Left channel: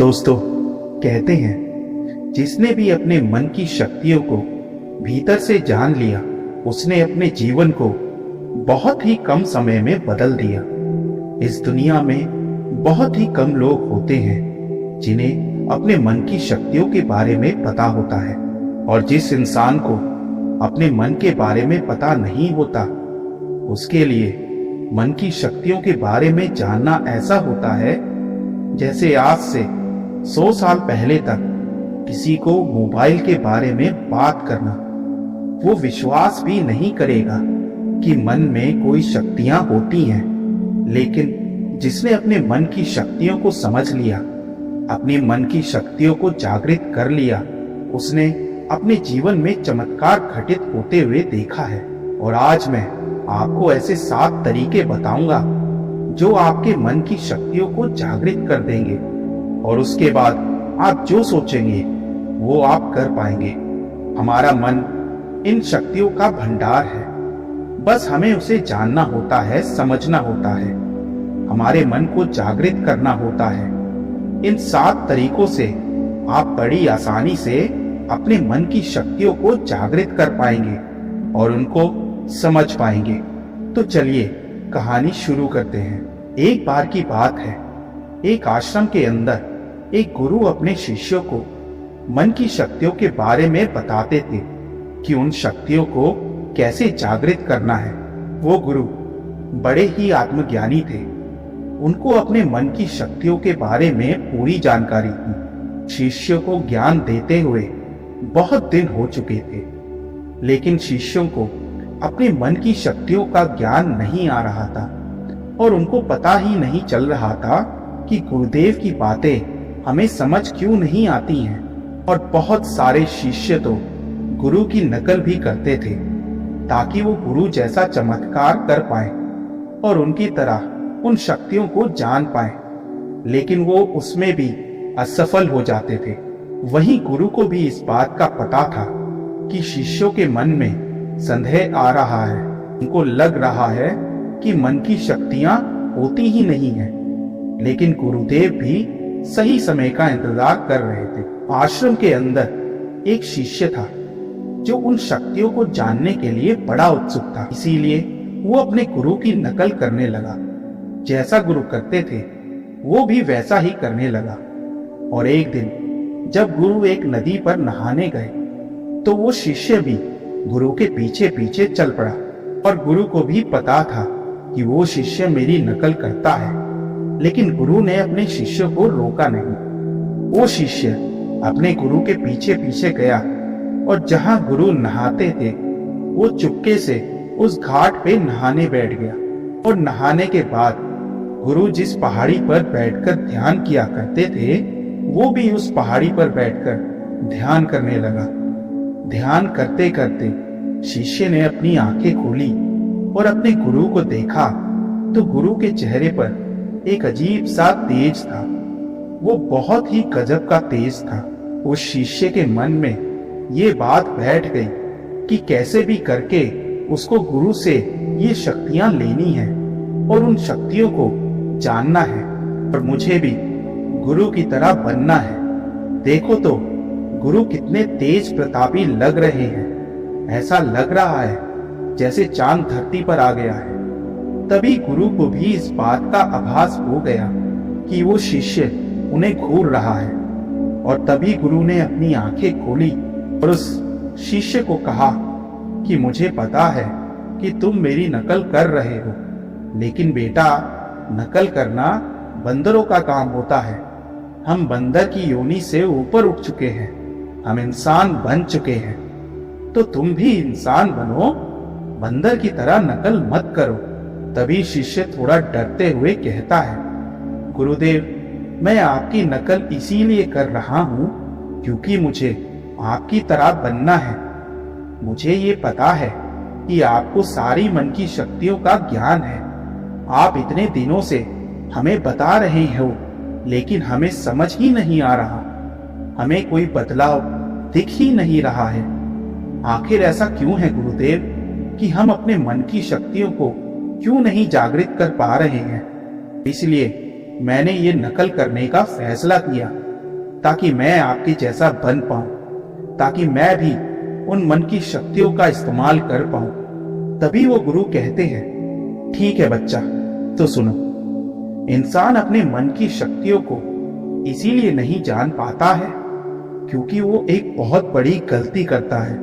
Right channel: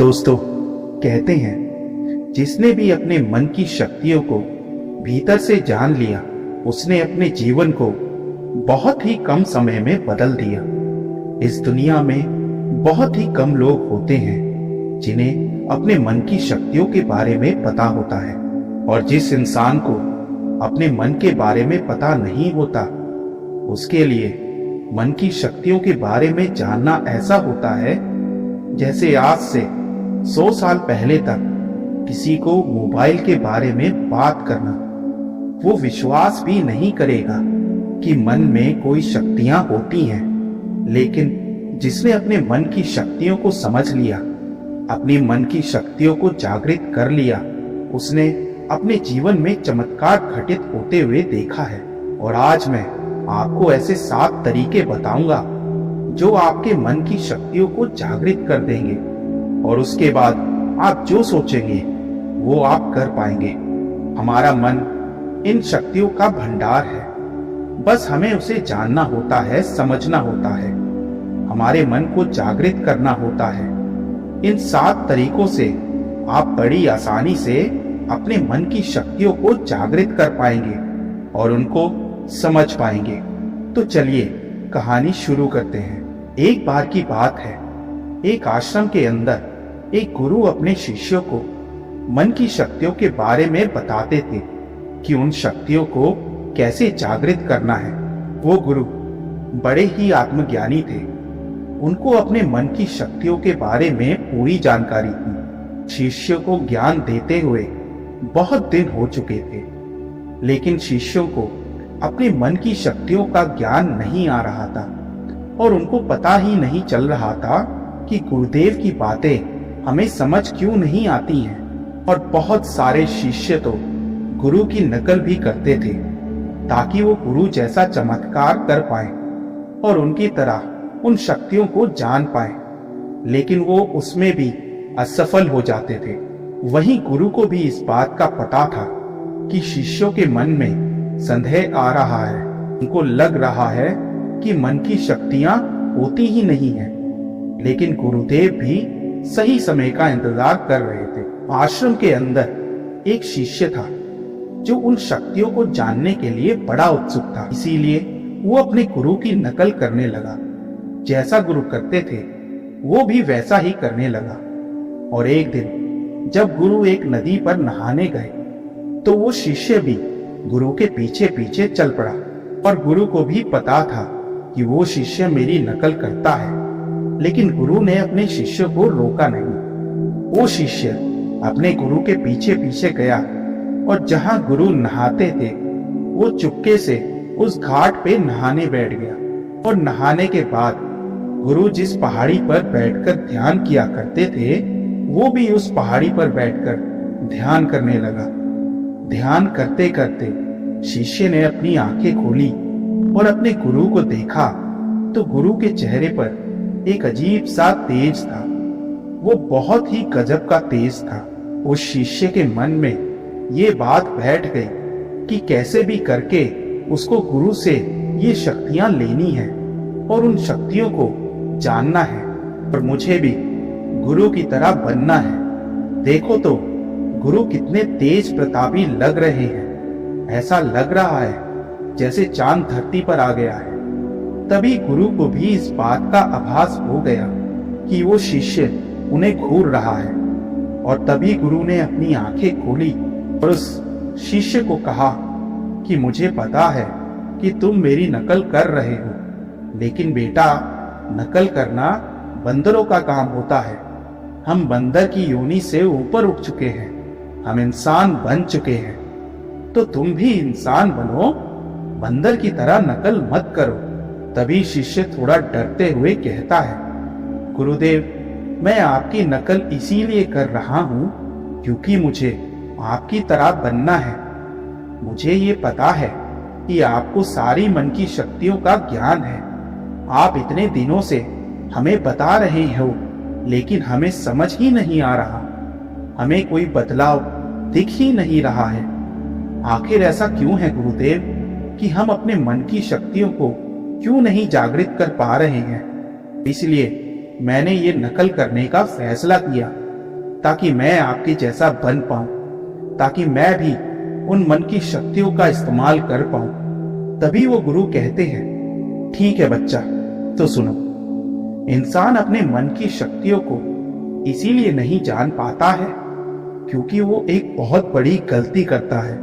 दोस्तों, कहते हैं जिसने भी अपने मन की शक्तियों को भीतर से जान लिया उसने अपने जीवन को बहुत ही कम समय में बदल दिया। इस दुनिया में बहुत ही कम लोग होते हैं जिन्हें अपने मन की शक्तियों के बारे में पता होता है, और जिस इंसान को अपने मन के बारे में पता नहीं होता उसके लिए मन की शक्तियों के बारे में जानना ऐसा होता है जैसे आज से 100 साल पहले तक किसी को मोबाइल के बारे में बात करना। वो विश्वास भी नहीं करेगा कि मन में कोई शक्तियां होती हैं, लेकिन जिसने अपने मन की शक्तियों को समझ लिया, अपनी मन की शक्तियों को जागृत कर लिया, उसने अपने जीवन में चमत्कार घटित होते हुए देखा है। और आज मैं आपको ऐसे 7 तरीके बताऊंगा जो आपके मन की शक्तियों को जागृत कर देंगे, और उसके बाद आप जो सोचेंगे वो आप कर पाएंगे। हमारा मन इन शक्तियों का भंडार है, बस हमें उसे जानना होता है, समझना होता है, हमारे मन को जागृत करना होता है। इन 7 तरीकों से आप बड़ी आसानी से अपने मन की शक्तियों को जागृत कर पाएंगे और उनको समझ पाएंगे। तो चलिए कहानी शुरू करते हैं। एक बार की बात है, एक आश्रम के अंदर एक गुरु अपने शिष्यों को मन की शक्तियों के बारे में बताते थे कि उन शक्तियों को कैसे जागृत करना है। वो गुरु बड़े ही आत्मज्ञानी थे, उनको अपने मन की शक्तियों के बारे में पूरी जानकारी थी। शिष्यों को ज्ञान देते हुए बहुत दिन हो चुके थे, लेकिन शिष्यों को अपने मन की शक्तियों का ज्ञान नहीं आ रहा था और उनको पता ही नहीं चल रहा था कि गुरुदेव की बातें हमें समझ क्यों नहीं आती हैं। और बहुत सारे शिष्य तो गुरु की नकल भी करते थे ताकि वो गुरु जैसा चमत्कार कर पाए और उनकी तरह उन शक्तियों को जान पाए, लेकिन वो उसमें भी असफल हो जाते थे। वहीं गुरु को भी इस बात का पता था कि शिष्यों के मन में संदेह आ रहा है, उनको लग रहा है कि मन की शक्तियां होती ही नहीं है, लेकिन गुरुदेव भी सही समय का इंतजार कर रहे थे। आश्रम के अंदर एक शिष्य था जो उन शक्तियों को जानने के लिए बड़ा उत्सुक था, इसीलिए वो अपने गुरु की नकल करने लगा। जैसा गुरु करते थे वो भी वैसा ही करने लगा। और एक दिन जब गुरु एक नदी पर नहाने गए तो वो शिष्य भी गुरु के पीछे पीछे चल पड़ा, और गुरु को भी पता था कि वो शिष्य मेरी नकल करता है, लेकिन गुरु ने अपने शिष्य को रोका नहीं। वो शिष्य अपने गुरु के पीछे पीछे गया और जहां गुरु नहाते थे वो चुपके से उस घाट पे नहाने बैठ गया। और नहाने के बाद गुरु जिस पहाड़ी पर बैठकर ध्यान किया करते थे वो भी उस पहाड़ी पर बैठकर ध्यान करने लगा। ध्यान करते करते शिष्य ने अपनी आंखें खोली और अपने गुरु को देखा तो गुरु के चेहरे पर एक अजीब सा तेज था। वो बहुत ही गजब का तेज था। उस शिष्य के मन में ये बात बैठ गई कि कैसे भी करके उसको गुरु से ये शक्तियां लेनी है और उन शक्तियों को जानना है, और मुझे भी गुरु की तरह बनना है। देखो तो गुरु कितने तेज प्रतापी लग रहे हैं, ऐसा लग रहा है जैसे चांद धरती पर आ गया है। तभी गुरु को भी इस बात का आभास हो गया कि वो शिष्य उन्हें घूर रहा है, और तभी गुरु ने अपनी आंखें खोली और उस शिष्य को कहा कि मुझे पता है कि तुम मेरी नकल कर रहे हो, लेकिन बेटा नकल करना बंदरों का काम होता है। हम बंदर की योनि से ऊपर उठ चुके हैं, हम इंसान बन चुके हैं, तो तुम भी इंसान बनो, बंदर की तरह नकल मत करो। तभी शिष्य थोड़ा डरते हुए कहता है, गुरुदेव मैं आपकी नकल इसीलिए कर रहा हूं क्योंकि मुझे आपकी तरह बनना है। मुझे ये पता है कि आपको सारी मन की शक्तियों का ज्ञान है। आप इतने दिनों से हमें बता रहे हो, लेकिन हमें समझ ही नहीं आ रहा, हमें कोई बदलाव दिख ही नहीं रहा है। आखिर ऐसा क्यों है गुरुदेव कि हम अपने मन की शक्तियों को क्यों नहीं जागृत कर पा रहे हैं? इसलिए मैंने ये नकल करने का फैसला किया। ताकि मैं आपके जैसा बन पाऊं, ताकि मैं भी उन मन की शक्तियों का इस्तेमाल कर पाऊं। तभी वो गुरु कहते हैं, ठीक है बच्चा, तो सुनो। इंसान अपने मन की शक्तियों को इसीलिए नहीं जान पाता है क्योंकि वो एक बहुत बड़ी गलती करता है,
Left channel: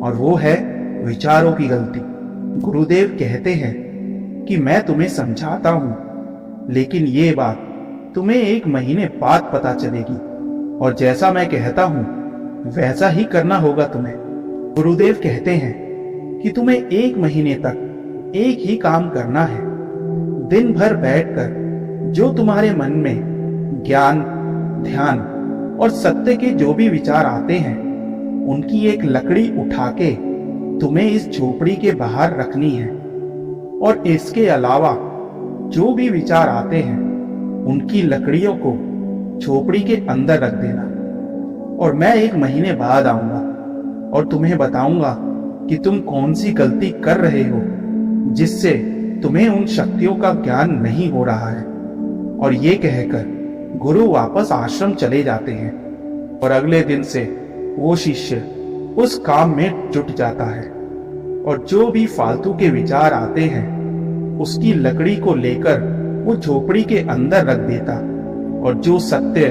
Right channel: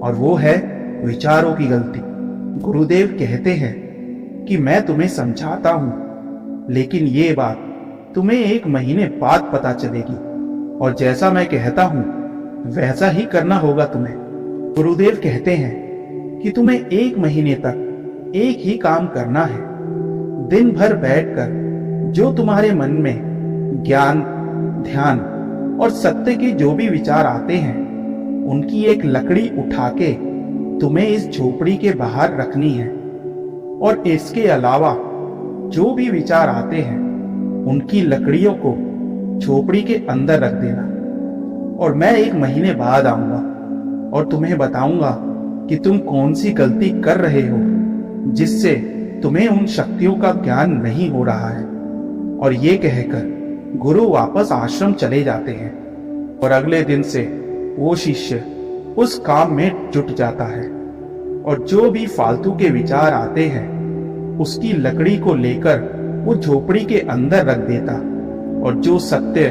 और वो है विचारों की गलती। गुरुदेव कहते हैं कि मैं तुम्हें समझाता हूं, लेकिन ये बात तुम्हें 1 महीने बाद पता चलेगी, और जैसा मैं कहता हूं वैसा ही करना होगा तुम्हें। गुरुदेव कहते हैं कि तुम्हें 1 महीने तक एक ही काम करना है। दिन भर बैठकर जो तुम्हारे मन में ज्ञान, ध्यान और सत्य के जो भी विचार आते हैं, उनकी एक लकड़ी उठा के तुम्हें इस झोपड़ी के बाहर रखनी है। और इसके अलावा जो भी विचार आते हैं, उनकी लकड़ियों को झोपड़ी के अंदर रख देना। और मैं 1 महीने बाद आऊंगा और तुम्हें बताऊंगा कि तुम कौन सी गलती कर रहे हो जिससे तुम्हें उन शक्तियों का ज्ञान नहीं हो रहा है। और ये कहकर गुरु वापस आश्रम चले जाते हैं, और अगले दिन से वो शिष्य उस काम में जुट जाता है, और जो भी फालतू के विचार आते हैं उसकी लकड़ी को लेकर वो झोपड़ी के अंदर रख देता, और जो सत्य,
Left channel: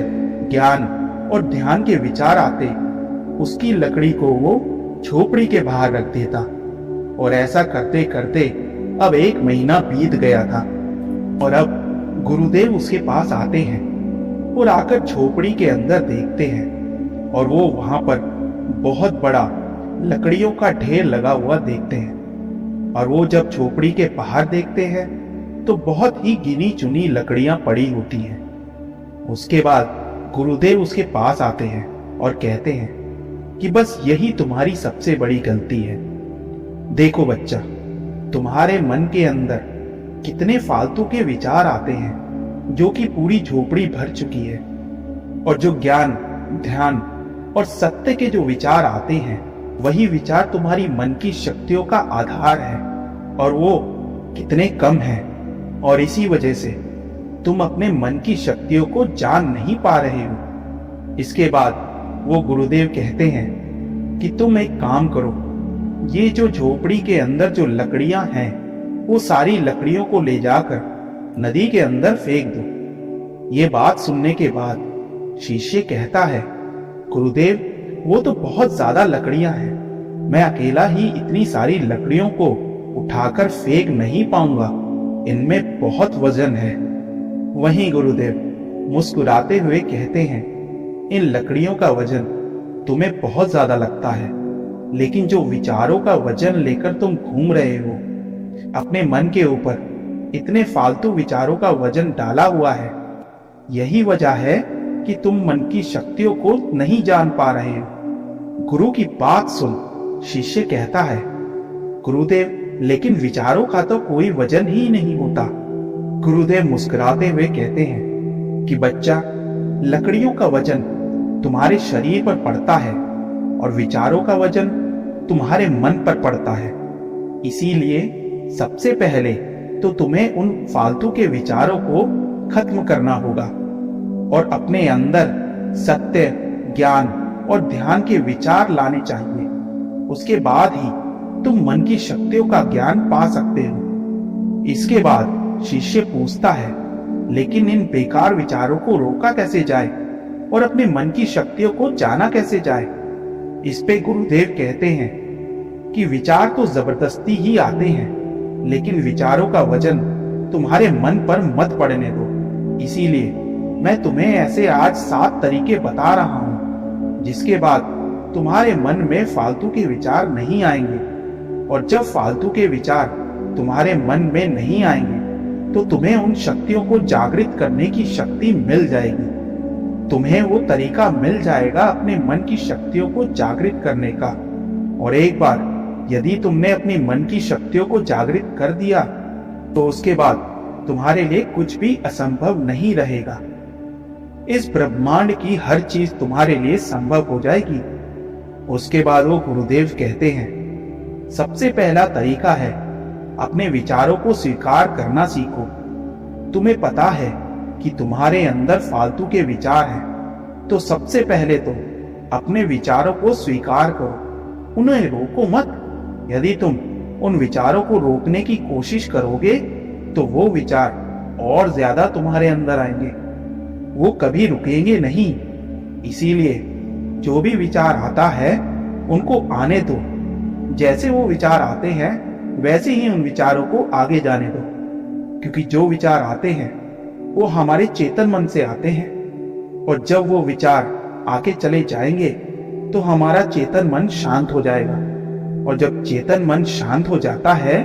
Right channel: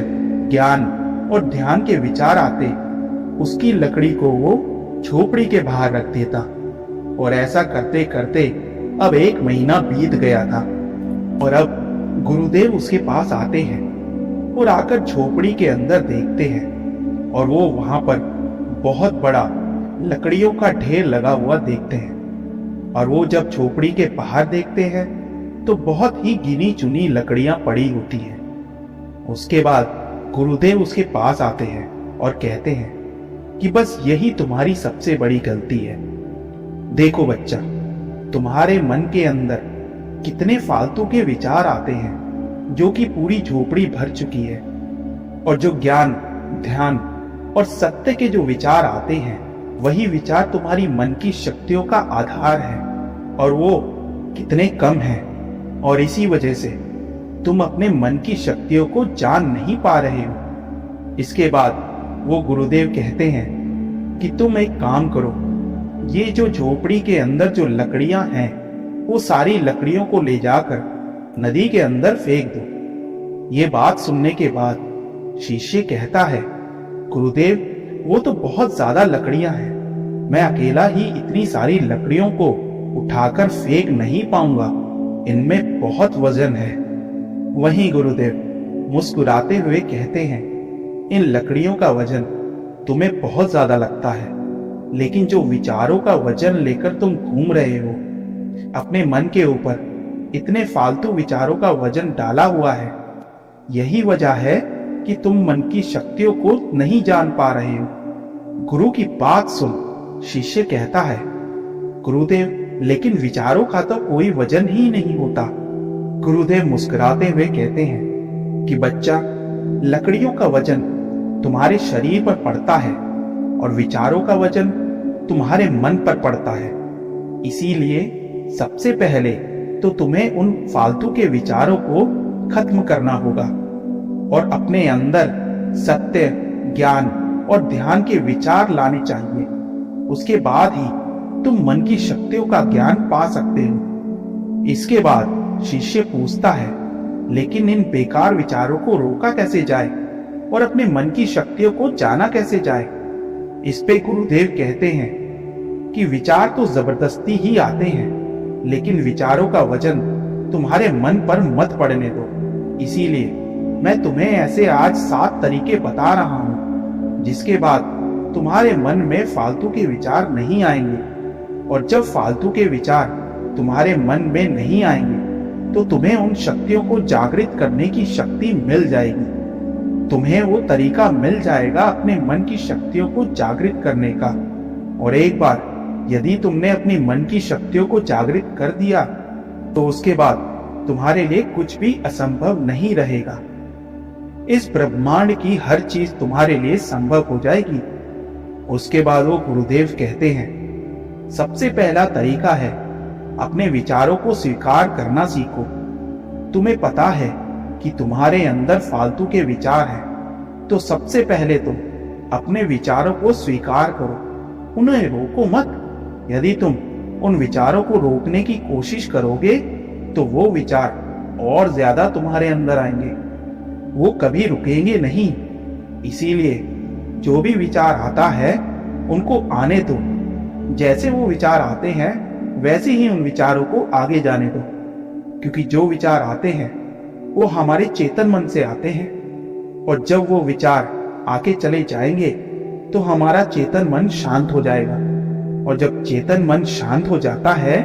ज्ञान और ध्यान के विचार आते उसकी लकड़ी को वो झोपड़ी के बाहर रख देता। और ऐसा करते करते अब 1 महीना बीत गया था, और अब गुरुदेव उसके पास आते हैं और आकर झोपड़ी के अंदर देखते हैं, और वो वहां पर बहुत बड़ा लकड़ियों का ढेर लगा हुआ देखते हैं। और वो जब झोपड़ी के बाहर देखते हैं तो बहुत ही गिनी चुनी लकड़ियां पड़ी होती हैं। उसके बाद गुरुदेव उसके पास आते हैं और कहते हैं कि बस यही तुम्हारी सबसे बड़ी गलती है। देखो बच्चा, तुम्हारे मन के अंदर कितने फालतू के विचार आते हैं जो कि पूरी झोपड़ी भर चुकी है, और जो ज्ञान, ध्यान और सत्य के जो विचार आते हैं वही विचार तुम्हारी मन की शक्तियों का आधार है, और वो कितने कम हैं। और इसी वजह से तुम अपने मन की शक्तियों को जान नहीं पा रहे हो। इसके बाद वो गुरुदेव कहते हैं कि तुम एक काम करो, ये जो झोपड़ी के अंदर जो लकड़ियां हैं वो सारी लकड़ियों को ले जाकर नदी के अंदर फेंक दो। ये बात सुनने के बाद शिष्य कहता है, गुरुदेव वो तो बहुत ज्यादा लकड़ियां हैं, मैं अकेला ही इतनी सारी लकड़ियों को उठाकर फेंक नहीं पाऊंगा, इनमें बहुत वजन है। वहीं गुरुदेव मुस्कुराते हुए कहते हैं, इन लकड़ियों का वजन तुम्हें बहुत ज्यादा लगता है, लेकिन जो विचारों का वजन लेकर तुम घूम रहे हो, अपने मन के ऊपर इतने फालतू विचारों का वजन डाला हुआ है, यही वजह है कि तुम मन की शक्तियों को नहीं जान पा रहे हो। गुरु की बात सुन शिष्य कहता है, गुरुदेव लेकिन विचारों का तो कोई वजन ही नहीं होता। गुरुदेव मुस्कुराते हुए कहते हैं कि बच्चा, लकड़ियों का वजन तुम्हारे शरीर पर पड़ता है और विचारों का वजन तुम्हारे मन पर पड़ता है। इसीलिए सबसे पहले तो तुम्हें उन फालतू के विचारों को खत्म करना होगा और अपने अंदर सत्य, ज्ञान और ध्यान के विचार लाने चाहिए। उसके बाद ही तुम मन की शक्तियों का ज्ञान पा सकते हो। इसके बाद शिष्य पूछता है, लेकिन इन बेकार विचारों को रोका कैसे जाए और अपने मन की शक्तियों को जाना कैसे जाए? इस पे गुरुदेव कहते हैं कि विचार तो जबरदस्ती ही आते हैं, लेकिन विचारों का वजन तुम्हारे मन पर मत पड़ने दो। इसीलिए मैं तुम्हें ऐसे आज 7 तरीके बता रहा हूं, जिसके बाद तुम्हारे मन में फालतू के विचार नहीं आएंगे। और जब फालतू के विचार तुम्हारे मन में नहीं आएंगे तो तुम्हें उन शक्तियों को जागृत करने की शक्ति मिल जाएगी। तुम्हें वो तरीका मिल जाएगा अपने मन की शक्तियों को जागृत करने का। और एक बार यदि तुमने अपनी मन की शक्तियों को जागृत कर दिया तो उसके बाद तुम्हारे लिए कुछ भी असंभव नहीं रहेगा। इस ब्रह्मांड की हर चीज तुम्हारे लिए संभव हो जाएगी। उसके बाद वो गुरुदेव कहते हैं, सबसे पहला तरीका है अपने विचारों को स्वीकार करना सीखो। तुम्हें पता है कि तुम्हारे अंदर फालतू के विचार हैं, तो सबसे पहले तो अपने विचारों को स्वीकार करो, उन्हें रोको मत। यदि तुम उन विचारों को रोकने की कोशिश करोगे तो वो विचार और ज्यादा तुम्हारे अंदर आएंगे, वो कभी रुकेंगे नहीं। इसीलिए जो भी विचार आता है उनको आने दो। जैसे वो विचार आते हैं वैसे ही उन विचारों को आगे जाने दो, क्योंकि जो विचार आते हैं वो हमारे चेतन मन से आते हैं, और जब वो विचार आके चले जाएंगे तो हमारा चेतन मन शांत हो जाएगा, और जब चेतन मन शांत हो जाता है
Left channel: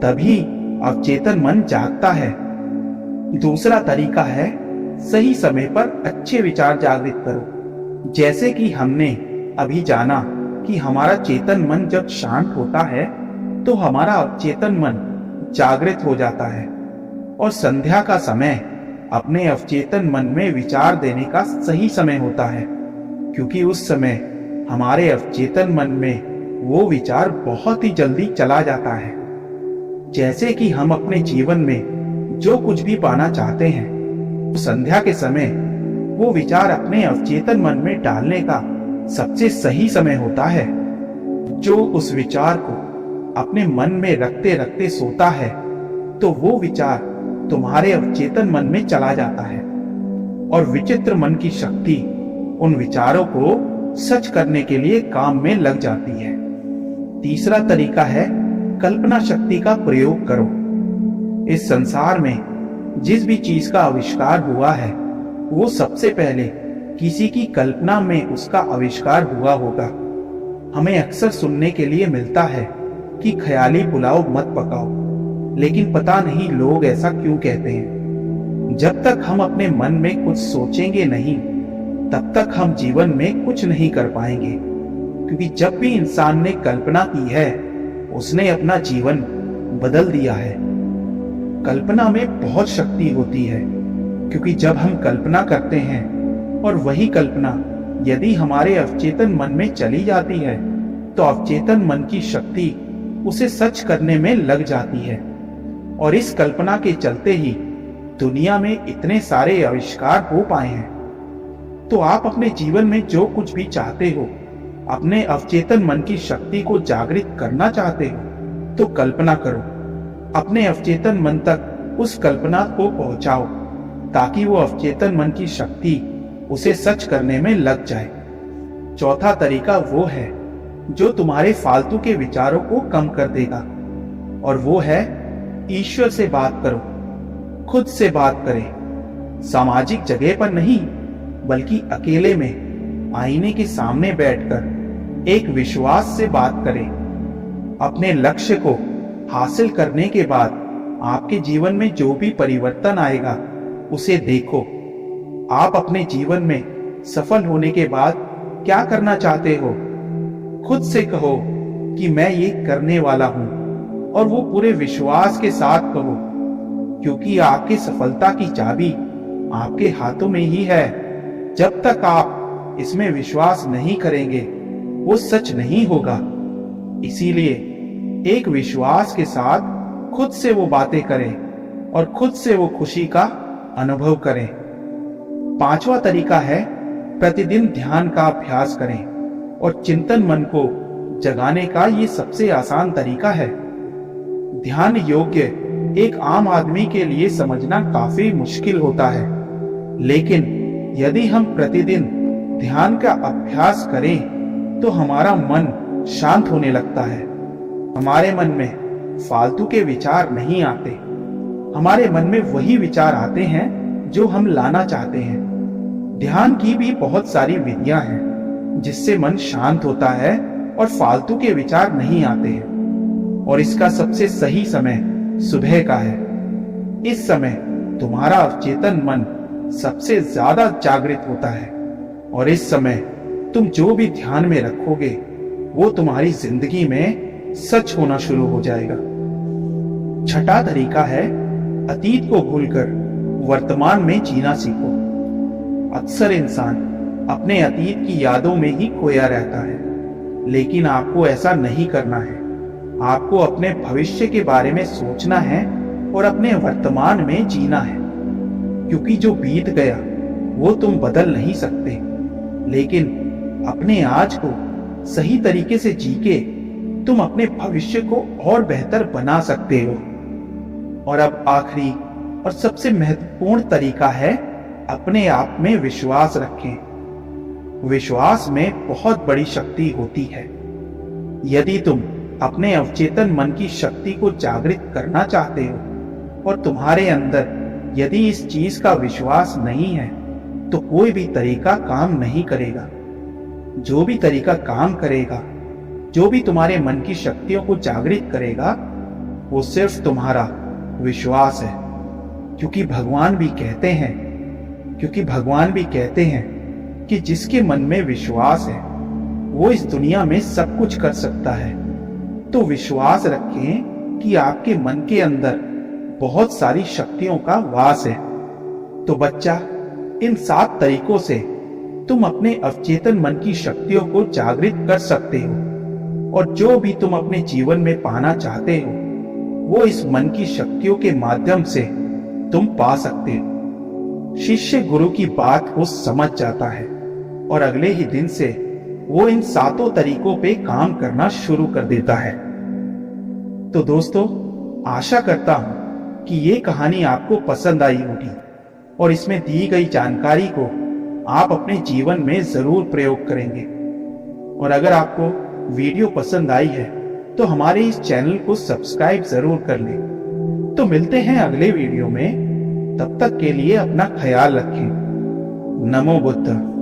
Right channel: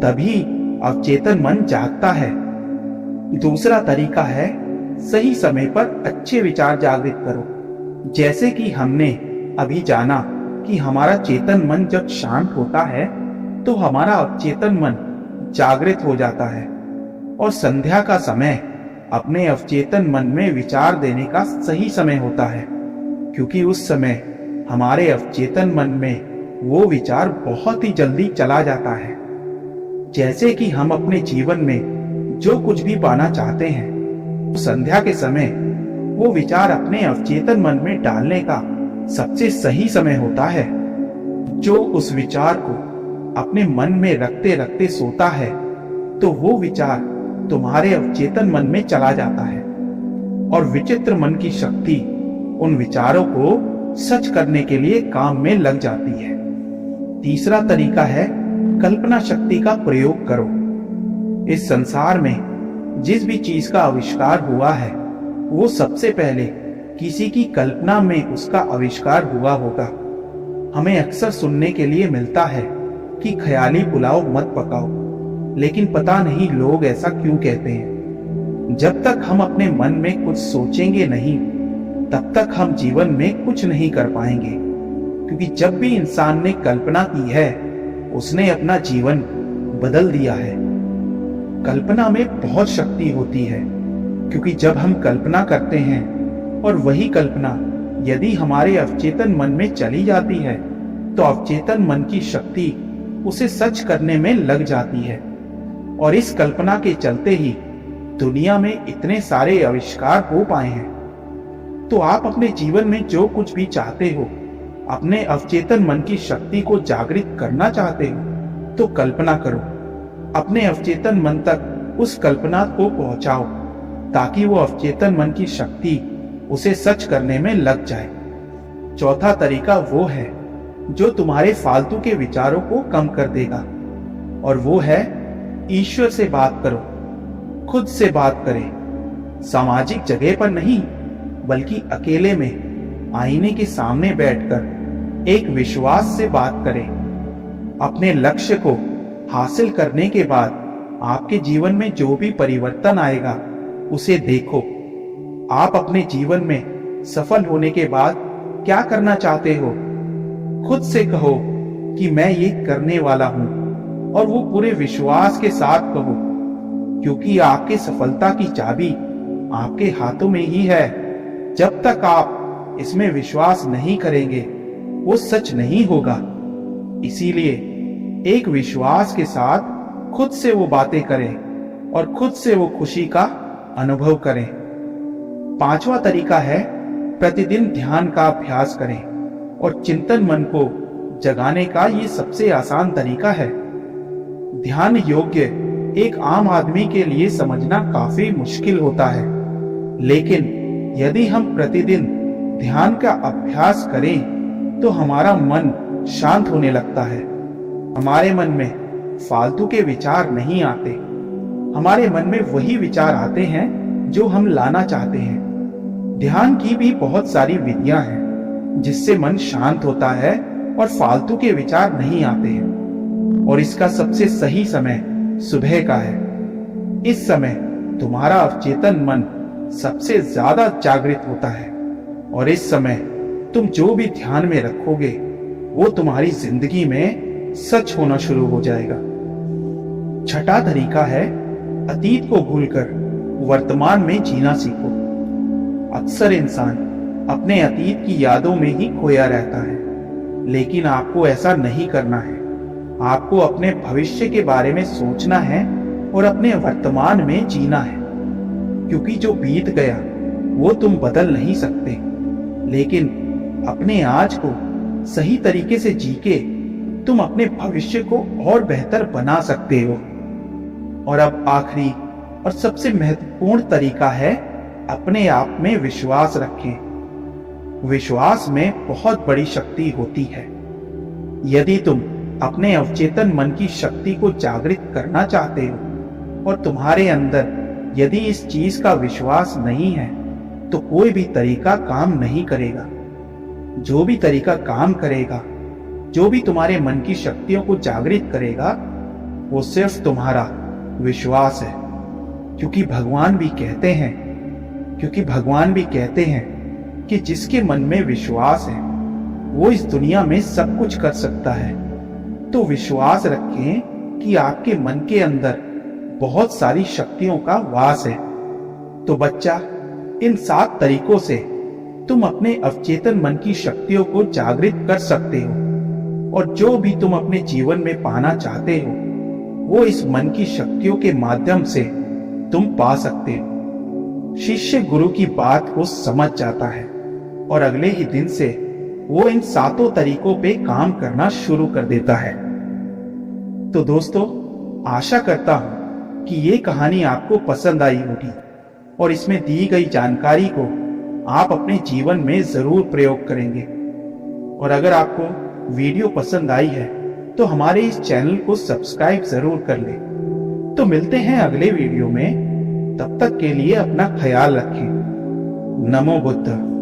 तभी अवचेतन मन जागता है। दूसरा तरीका है सही समय पर अच्छे विचार जागृत करो। जैसे कि हमने अभी जाना कि हमारा चेतन मन जब शांत होता है तो हमारा अवचेतन मन जागृत हो जाता है, और संध्या का समय अपने अवचेतन मन में विचार देने का सही समय होता है, क्योंकि उस समय हमारे अवचेतन मन में वो विचार बहुत ही जल्दी चला जाता है। जैसे कि हम अपने जीवन में जो कुछ भी पाना चाहते हैं तो संध्या के समय वो विचार अपने अवचेतन मन में डालने का सबसे सही समय होता है। जो उस विचार को अपने मन में रखते रखते सोता है तो वो विचार तुम्हारे अवचेतन मन में चला जाता है, और विचित्र मन की शक्ति उन विचारों को सच करने के लिए काम में लग जाती है। तीसरा तरीका है कल्पना शक्ति का प्रयोग करो। इस संसार में जिस भी चीज का आविष्कार हुआ है वो सबसे पहले किसी की कल्पना में उसका आविष्कार हुआ होगा। हमें अक्सर सुनने के लिए मिलता है कि ख्याली पुलाव मत पकाओ, लेकिन पता नहीं लोग ऐसा क्यों कहते हैं। जब तक हम अपने मन में कुछ सोचेंगे नहीं तब तक हम जीवन में कुछ नहीं कर पाएंगे, क्योंकि जब भी इंसान ने कल्पना की है उसने अपना जीवन बदल दिया है। कल्पना में बहुत शक्ति होती है, क्योंकि जब हम कल्पना करते हैं और वही कल्पना यदि हमारे अवचेतन मन में चली जाती है तो अवचेतन मन की शक्ति उसे सच करने में लग जाती है, और इस कल्पना के चलते ही दुनिया में इतने सारे आविष्कार हो पाए हैं। तो आप अपने जीवन में जो कुछ भी चाहते हो, अपने अवचेतन मन की शक्ति को जागृत करना चाहते हो तो कल्पना करो, अपने अवचेतन मन तक उस कल्पना को पहुंचाओ ताकि वो अवचेतन मन की शक्ति उसे सच करने में लग जाए। चौथा तरीका वो है जो तुम्हारे फालतू के विचारों को कम कर देगा, और वो है ईश्वर से बात करो। खुद से बात करें, सामाजिक जगह पर नहीं बल्कि अकेले में आईने के सामने बैठकर एक विश्वास से बात करें। अपने लक्ष्य को हासिल करने के बाद आपके जीवन में जो भी परिवर्तन आएगा उसे देखो। आप अपने जीवन में सफल होने के बाद क्या करना चाहते हो, खुद से कहो कि मैं ये करने वाला हूं, और वो पूरे विश्वास के साथ कहो, क्योंकि आपकी सफलता की चाबी आपके हाथों में ही है। जब तक आप इसमें विश्वास नहीं करेंगे वो सच नहीं होगा। इसीलिए एक विश्वास के साथ खुद से वो बातें करें और खुद से वो खुशी का अनुभव करें। पांचवा तरीका है प्रतिदिन ध्यान का अभ्यास करें, और चिंतन मन को जगाने का ये सबसे आसान तरीका है। ध्यान योग्य एक आम आदमी के लिए समझना काफी मुश्किल होता है, लेकिन यदि हम प्रतिदिन ध्यान का अभ्यास करें तो हमारा मन शांत होने लगता है। हमारे मन में फालतू के विचार नहीं आते, हमारे मन में वही विचार आते हैं जो हम लाना चाहते हैं। ध्यान की भी बहुत सारी विधियां हैं जिससे मन शांत होता है और फालतू के विचार नहीं आते हैं, और इसका सबसे सही समय सुबह का है। इस समय तुम्हारा अवचेतन मन सबसे ज्यादा जागृत होता है, और इस समय तुम जो भी ध्यान में रखोगे वो तुम्हारी जिंदगी में सच होना शुरू हो जाएगा। छठा तरीका है अतीत को भूलकर वर्तमान में जीना सीखो। अक्सर इंसान अपने अतीत की यादों में ही खोया रहता है, लेकिन आपको ऐसा नहीं करना है। आपको अपने भविष्य के बारे में सोचना है और अपने वर्तमान में जीना है, क्योंकि जो बीत गया वो तुम बदल नहीं सकते, लेकिन अपने आज को सही तरीके से जी के तुम अपने भविष्य को और बेहतर बना सकते हो। और अब आखिरी और सबसे महत्वपूर्ण तरीका है, अपने आप में विश्वास रखें। विश्वास में बहुत बड़ी शक्ति होती है। यदि तुम अपने अवचेतन मन की शक्ति को जागृत करना चाहते हो और तुम्हारे अंदर यदि इस चीज का विश्वास नहीं है, तो कोई भी तरीका काम नहीं करेगा। जो भी तरीका काम करेगा, जो भी तुम्हारे मन की शक्तियों को जागृत करेगा, वो सिर्फ तुम्हारा विश्वास है। क्योंकि भगवान भी कहते हैं कि जिसके मन में विश्वास है वो इस दुनिया में सब कुछ कर सकता है। तो विश्वास रखें कि आपके मन के अंदर बहुत सारी शक्तियों का वास है। तो बच्चा, इन 7 तरीकों से तुम अपने अवचेतन मन की शक्तियों को जागृत कर सकते हो, और जो भी तुम अपने जीवन में पाना चाहते हो वो इस मन की शक्तियों के माध्यम से तुम पा सकते हो। शिष्य गुरु की बात को समझ जाता है और अगले ही दिन से वो इन 7 तरीकों पे काम करना शुरू कर देता है। तो दोस्तों, आशा करता हूं कि ये कहानी आपको पसंद आई होगी और इसमें दी गई जानकारी को आप अपने जीवन में जरूर प्रयोग करेंगे। और अगर आपको वीडियो पसंद आई है तो हमारे इस चैनल को सब्सक्राइब जरूर कर लें। तो मिलते हैं अगले वीडियो में। तब तक के लिए अपना ख्याल रखें। नमो बुद्ध।